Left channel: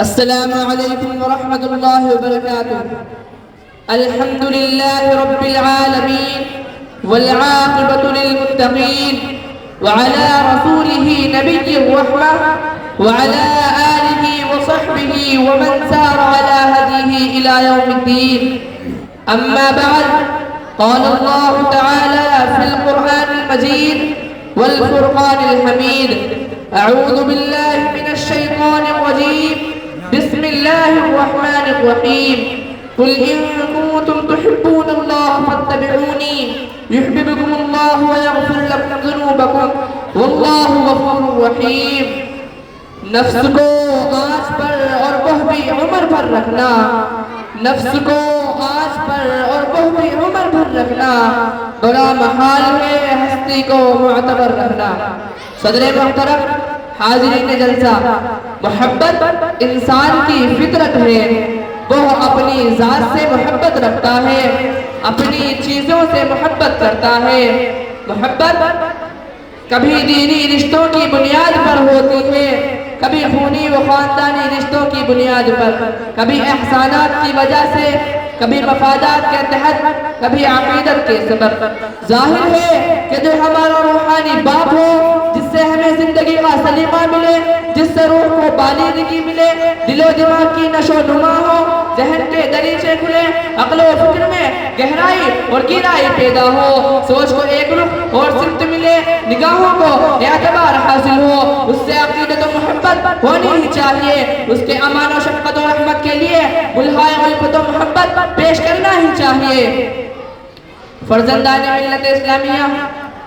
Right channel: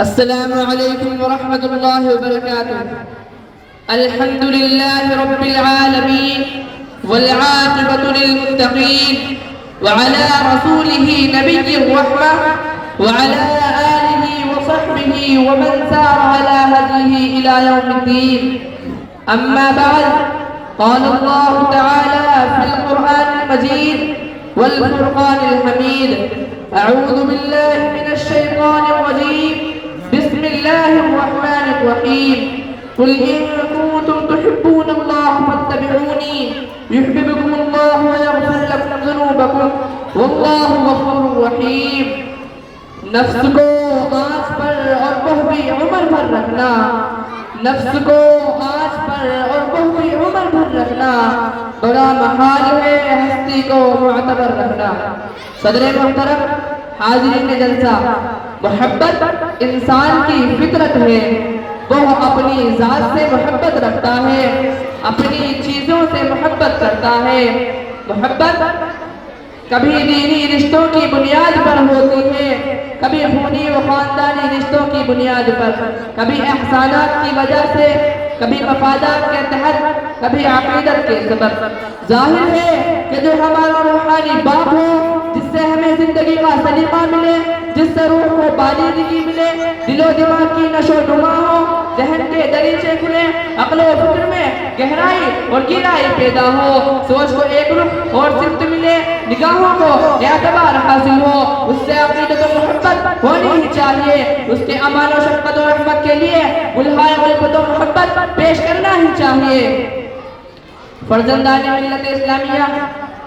السلام عليكم ورحمة الله وبركاته. الحمد لله رب العالمين والعاقبة للمتقين وعلى رسوله نبي الرحمة وعلى آله وصحبه ومن سار على هديه إلى يوم الدين. أما بعد، قال الله تعالى في القرآن المجيد والفرقان الحميد: أعوذ بالله من الشيطان الرجيم، بسم الله الرحمن الرحيم. قل إن كنتم تحبون الله فاتبعوني يحببكم الله ويغفر لكم ذنوبكم والله غفور رحيم. نفس کو آنچ پر اور بہ بھی عمر بھر رکھنا، نفس کو آنچ پر اور بہ بھی عمر بھر رکھنا، بڑا محال ہے ہستی کو معتبر کرنا. صدر محترم، حاضرین جلسہ، محبت انسان کی فطرت ہے. وہ اپنی ذات سے محبت رکھتا ہے، اپنی چیزوں سے محبت کرتا ہے. محبت کبھی دینی رشتوں کی بنیاد پر ہوتی ہے، کبھی خونی و خاندانی رشتوں کی بنیاد پر، کبھی احسانات کی وجہ سے، کبھی مفادات کے تحت، کبھی عقیدت کے سبب. ظاہر ہے کہ جو ہمارا روحانی باپ ہو، جس سے ہمیں زندگی کا سلیقہ ملے، جس سے روح کو بالغی ملے، دل و دماغ کی نشو و نما ہو، ذہن کے دریچے کھلے، عقل و فکر میں گہرائی اور گہرائی پیدا ہو، سوچ کو ایک رخ اور سمت ملے، نگاہوں کو اعتبار حاصل ہو، اس سے عقیدت و محبت ہونی ہی چاہیے. اس کے امان و شفقت و رحمت کے لیے بلہائے الفت و محبت پیش کرنا ہی چاہیے. فرزندان ملت اسلامیہ،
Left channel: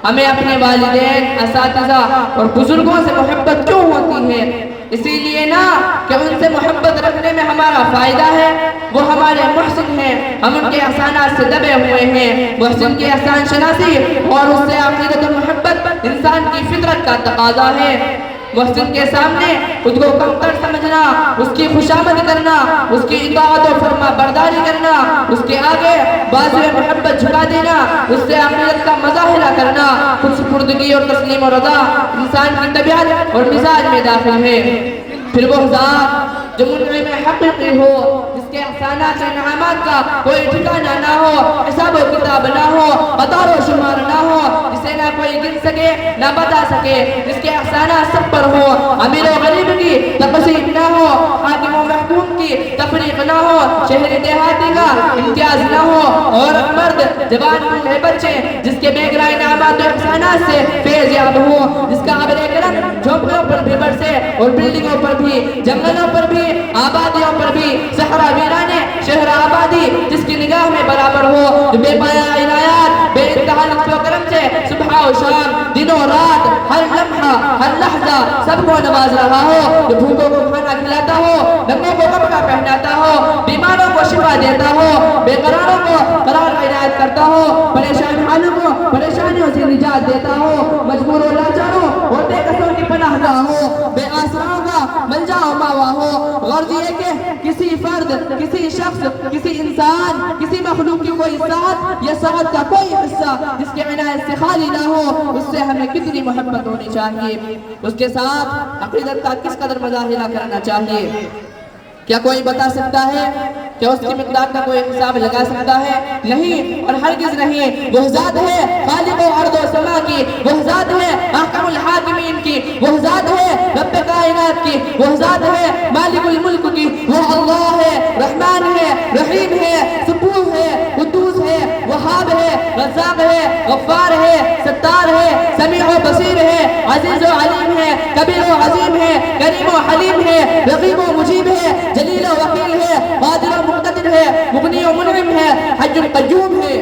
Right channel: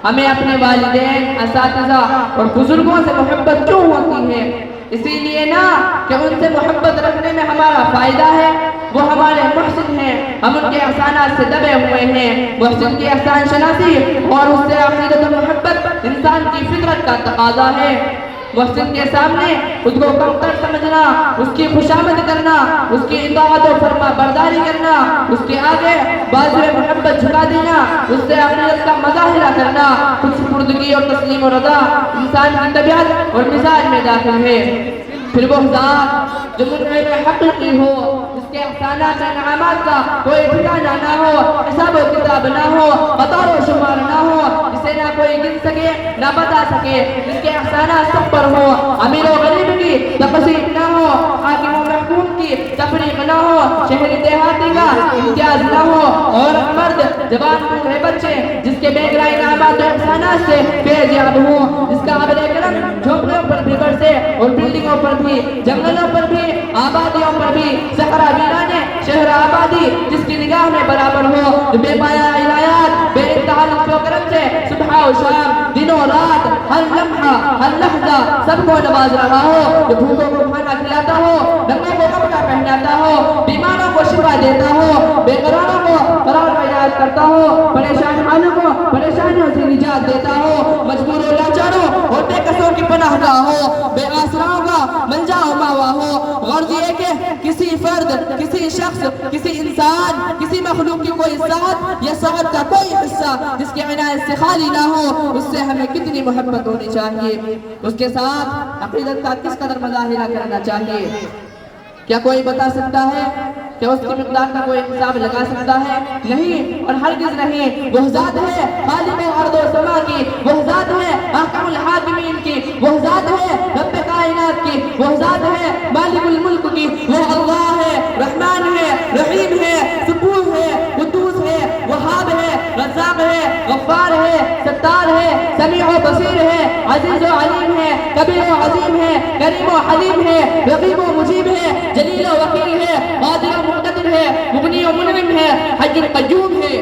ہمیں اپنے والدین، اساتذہ اور بزرگوں سے محبت کیوں ہوتی ہے؟ اسی لیے نا کہ ان سے محبت رکھنے میں ہمارا فائدہ ہے. وہ ہمارے محسن ہیں، ہم ان کے احسانات سے دبے ہوئے ہیں. محسن کی احسان شناسی اور اس سے عقیدت و محبت انسان کی فطرت کا تقاضا ہے. محسن کے سامنے خود کو کمتر سمجھنا، اس کی خوشامد کرنا، اس کی اطاعت و فرما برداری کرنا، اس کے آگے بازو محبت جھکا دینا، اس سے عقیدت کا مظاہرہ کرنا، خود سپردگی اور تسلیم و رضا انسان کی طبیعت اور مزاج میں داخل ہے. پھر وہ ذات جو منعم حقیقی ہو، جس کے احسانات و انعامات کا کوئی ٹھکانہ نہ ہو، حساب و کتاب نہ ہو، قطار و شمار نہ ہو، جسے نہ کوئی گن سکے نہ بتا سکے، جس کے احسانات سب پر ہو، امیر و غریب کی تقسیم نہ ہو، حاکم و محکوم کی تفریق نہ ہو، شہری دیہاتی کا امتیاز نہ ہو، عورت مرد جوان بوڑھے بچے، جس کے بے گرہ انعامات و احسانات سے فیض یافت ہو، جس کا ابر کرم جھونپڑیوں پر بھی برسے اور بلڈنگوں پر بھی، جنگلوں پر بھی، آبادیوں پر بھی، صحرا ویرانے شہر آبادی جس کی نگاہ میں برابر ہو، جو بے پایا عنایات بے انتہا لطف و کرم سے صبح و شام، دن و رات، ہر لمحہ ہر لحظہ سب کو نواز رہا ہو، جو بھوکوں کو کھانا کھلاتا ہو، ننگے کو کپڑا پہناتا ہو، بیماروں کو شفا دیتا ہو، بے قراروں کو قرار عنایت کرتا ہو، پریشان حالوں کو پریشانیوں سے نجات دیتا ہو، مجبور و لاچاروں اور بے کسوں کی پناہ گاہ ہو، بے آسراؤں کا ملجا و ماوا ہو. غرض یہ کہ کسی فرد، کسی شخص، کسی انسان، کسی مخلوق کی کوئی ساتھ یا سعادت کا کوئی حصہ جس کے عنایت سے خالی نہ ہو، اس سے ہمیں کتنی محبت ہونی چاہیے، اس کے ساتھ عقیدت کا کس قدر مظاہرہ کرنا چاہیے. کیا کوئی بتا سکتا ہے؟ کیا اس کی مقدار کا کوئی حساب لگا سکتا ہے؟ نہیں اور ہرگز نہیں. وہ ذات ہے خالق ارض و سما کی، وہ ذات ہے احکم الحاکمین کی، وہ ذات ہے رب کائنات کی، وہ ذات ہے مالک الملک کی. وہ اللہ ہے، رحمان ہے، رحیم ہے، سبوح ہے، قدوس ہے، وہاب ہے، رزاق ہے، غفار ہے، ستار ہے، سمیع و بصیر ہے، عزیز و علیم ہے، کبیر و عظیم ہے، کریم و حلیم ہے، رقیب و مجیب ہے، جلیل و وکیل ہے، قادر و مقتدر ہے، مغنی و منعم ہے، حی القیوم ہے.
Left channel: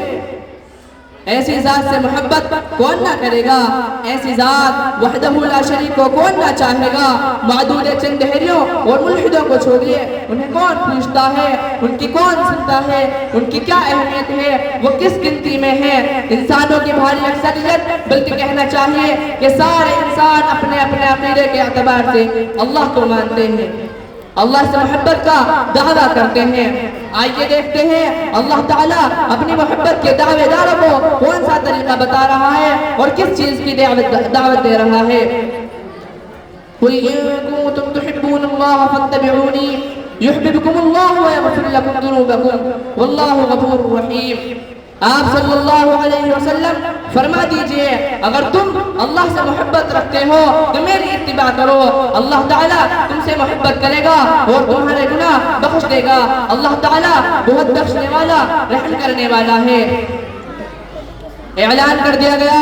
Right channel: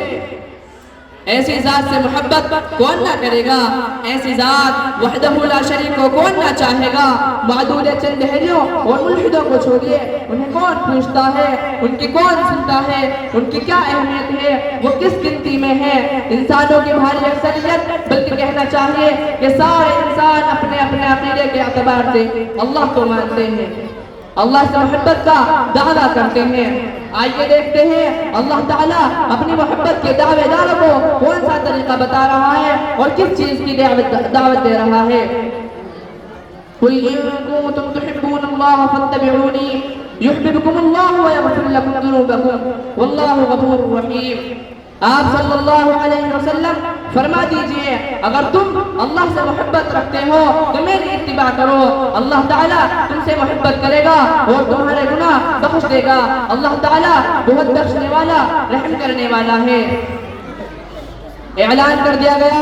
ایسی ذات سے محبت کون نہ کرے گا؟ ایسی ذات وحدہ لا شریک کو کون نہ چاہے گا؟ معدود چند دہریوں اور ملحدوں کو چھوڑیے، انہیں کون پوچھتا ہے؟ ان کی کون سنتا ہے؟ ان کی کیا اہمیت ہے؟ وہ کس گنتی میں ہے؟ انسانوں کی بھاری اکثریت، بلکہ کہنا چاہیے کہ سارے انسان اپنے اپنے عقیدے کے اعتبار سے اللہ کو مانتے ہیں، اللہ سے محبت کا دعویٰ کرتے ہیں. آئیے دیکھتے ہیں اللہ تعالیٰ اپنی محبت کے دعوے داروں کو کون سا طریقہ بتا رہا ہے اور کس چیز کی دعوت دے رہا ہے. قل إن كنتم تحبون الله فاتبعوني يحببكم الله ويغفر لكم ذنوبكم والله غفور رحيم. آپ صلی اللہ علیہ وسلم فرما دیجئے اگر تم اللہ سے محبت رکھتے ہو تو میری اتباع کرو، اللہ تعالیٰ تم سے محبت کرے گا اور تمہارے گناہ بخش دے گا. اللہ تعالیٰ بہت بخشنے والا رحم کرنے والا ہے. اعلان کر دیا گیا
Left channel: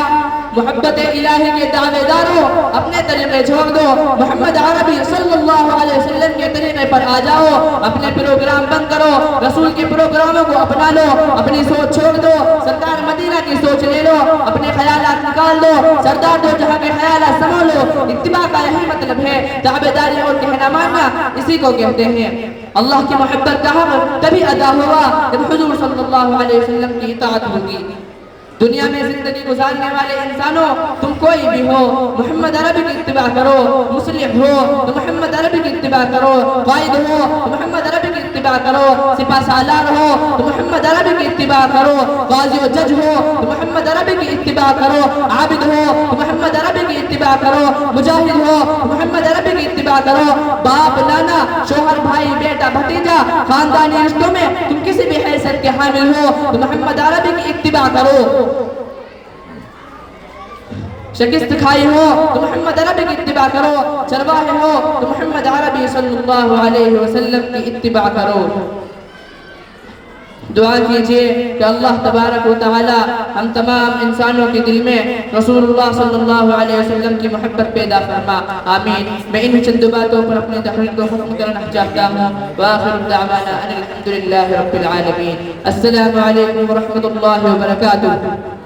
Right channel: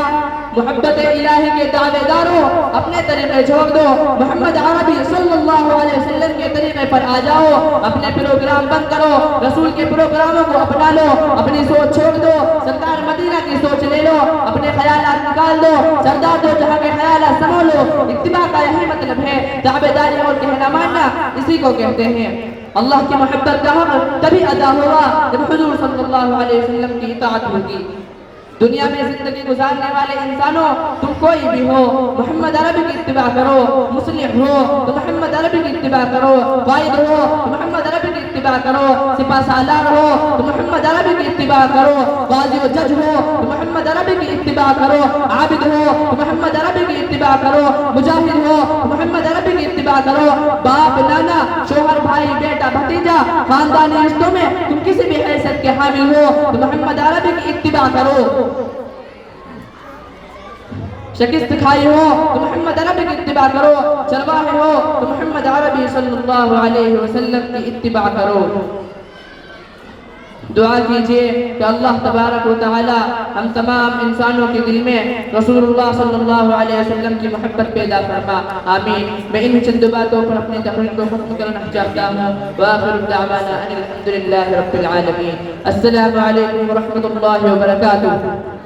محبت الہی کے دعوے داروں اپنے طریقے چھوڑ دو، محمد عربی صلی اللہ علیہ وسلم کے طریقے پر آ جاؤ، اپنے پروگرام بند کرو، رسول کے پروگراموں کو اپنا لو، اپنی سوچ چھوڑ دو، سرکار مدینہ کی سوچ لے لو، اپنے خیالات نکال دو، سردار دو جہاں کے خیالات سنبھالو. اتباع کا یہی مطلب ہے، تابعداری اور کہنا ماننا اسی کو کہتے ہیں. اللہ کی محبت کا حق تبھی ادا ہوگا جب حضور صلی اللہ علیہ وسلم کی اطاعت ہوگی. دنیا میں زندگی گزارنے والے انسانوں تم کوئی بھی ہو، محمد عربی کی اتباع کرو. مسلم ہو تو محمد عربی کی اتباع کرو، قائد ہو تو محمد عربی کی اتباع کرو، سپاہ سالار ہو تو محمد عربی کی اتباع کرو، قاضی و جج ہو تو محمد عربی کی اتباع کرو، عابد ہو تو محمد عربی کی اتباع کرو، مجاہد ہو تو محمد عربی کی اتباع کرو. باپ نانا شوہر بھائی بیٹا بھتیجا خاندانی رشتوں میں تم کسی بھی حیثیت کے حامل ہو تو محمد عربی کی اتباع کرو. شکست کھائی ہو تو محمد عربی کی اتباع کرو، چرواہے ہو تو محمد عربی صلی اللہ علیہ وسلم کی اتباع کرو. دعا کیجئے کہ اللہ تبارک و تعالی ہم تمام انسانوں کے دل میں رسول اللہ صلی اللہ علیہ وسلم کی محبت پیدا فرما. آمین. میں ان چند باتوں پر اپنی تقریر کو ختم کرنا چاہتا ہوں. وآخر دعوانا ان الحمد للہ رب العالمین. السلام علیکم ورحمۃ اللہ وبرکاتہ.